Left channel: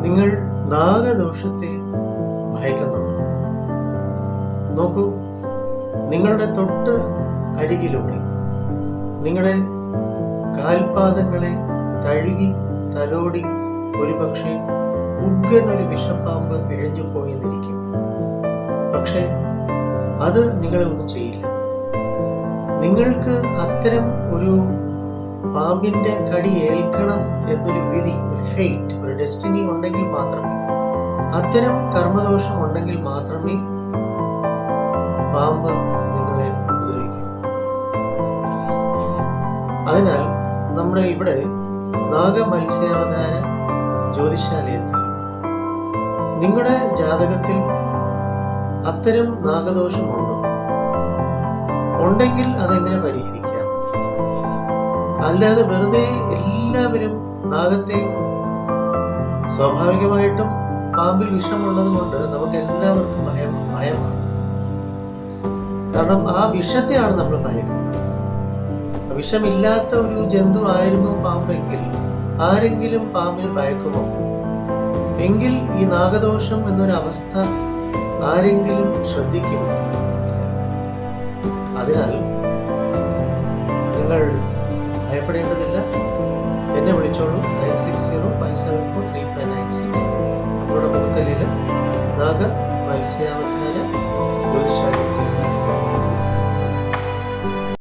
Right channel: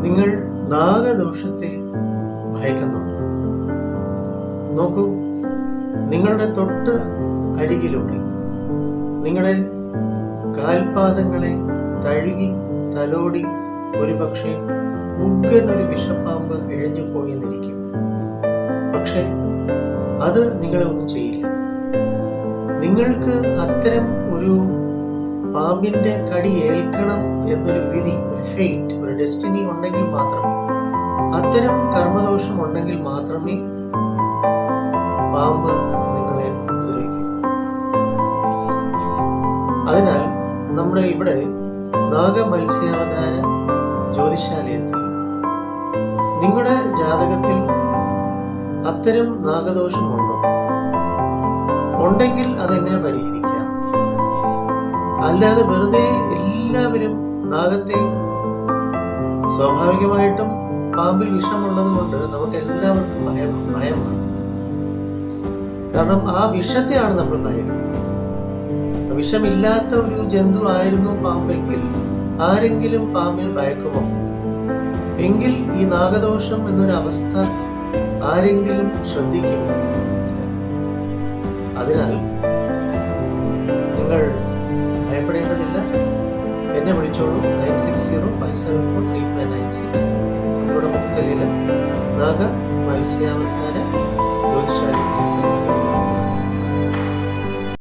നിങ്ങൾ നാഗദോഷത്തെ ഭയക്കുന്നുണ്ട്? നോക്കൂ നിങ്ങളുടെ തൊട്ട് അരികിലൂടെ നിങ്ങളുടെ കാൽപാദങ്ങളെ തഴുകി തലോടി ഒരുപക്ഷെ ഉഗ്രൻ ഒരു വിഷപ്പാമ്പ് ഇഴഞ്ഞു പോയെന്നിരിക്കും. പക്ഷെ അത് നിങ്ങളെ ഒന്നും ചെയ്യില്ല. നിങ്ങൾക്ക് അത്തരം ഒരു പാമ്പിന്റെ കടി ഏൽക്കണം എന്നൊരു വിധി ഒരു ഫെയ്റ്റ് ഒരു ഡെസ്റ്റിനി ഉണ്ടെങ്കിൽ മാത്രമേ അത്തരം കർമ്മദോഷം ഉണ്ടെങ്കിൽ മാത്രമേ പാമ്പ് നിങ്ങളെ ഉപദ്രവിക്കൂ. അതിനാൽ നമ്മുടെ ഇവിടെ നാഗമത്സ്യാവതാര ജ്യോതിഷാലയത്തിൽ നിങ്ങളുടെ ജാതകത്തിൽ അത്തരം നാഗദോഷമുണ്ടോ? ഉണ്ടെങ്കിൽ അതെങ്ങനെ പരിഹരിക്കാം? അല്ലാതെ വെറുതെ എല്ലാവരും നാഗത്തെ സ്വാഭാവികമായിട്ടും പാമ്പിൽ വിഷമുള്ളത് കൊണ്ട് നമുക്ക് എല്ലാവർക്കും ഭയം ഭയമാണ്. കാരണം ആ വിഷത്തെയാണ് നമ്മൾ ഭയക്കുന്നത്. വിഷമില്ലാത്ത ഒരു ജന്തു ആയിരുന്നു പാമ്പെങ്കിൽ ആരെങ്കിലും പാമ്പിൽ ഭയക്കുമോ? എങ്കിൽ ഈ നാഗദോഷം എന്നൊരു അവസ്ഥ ആരെങ്കിലും ശ്രദ്ധിക്കുമോ? അതിനാൽ നിങ്ങൾ ഭയപ്പെടേണ്ടതില്ല. എന്നെ വിളിച്ചോളൂ. Nine six zero five seven four three five nine six. നമ്മളുടെ മുഖത്തല്ലിൽ നാഗ മത്സ്യാവധാന ജ്യോതിഷാലയത്തിൽ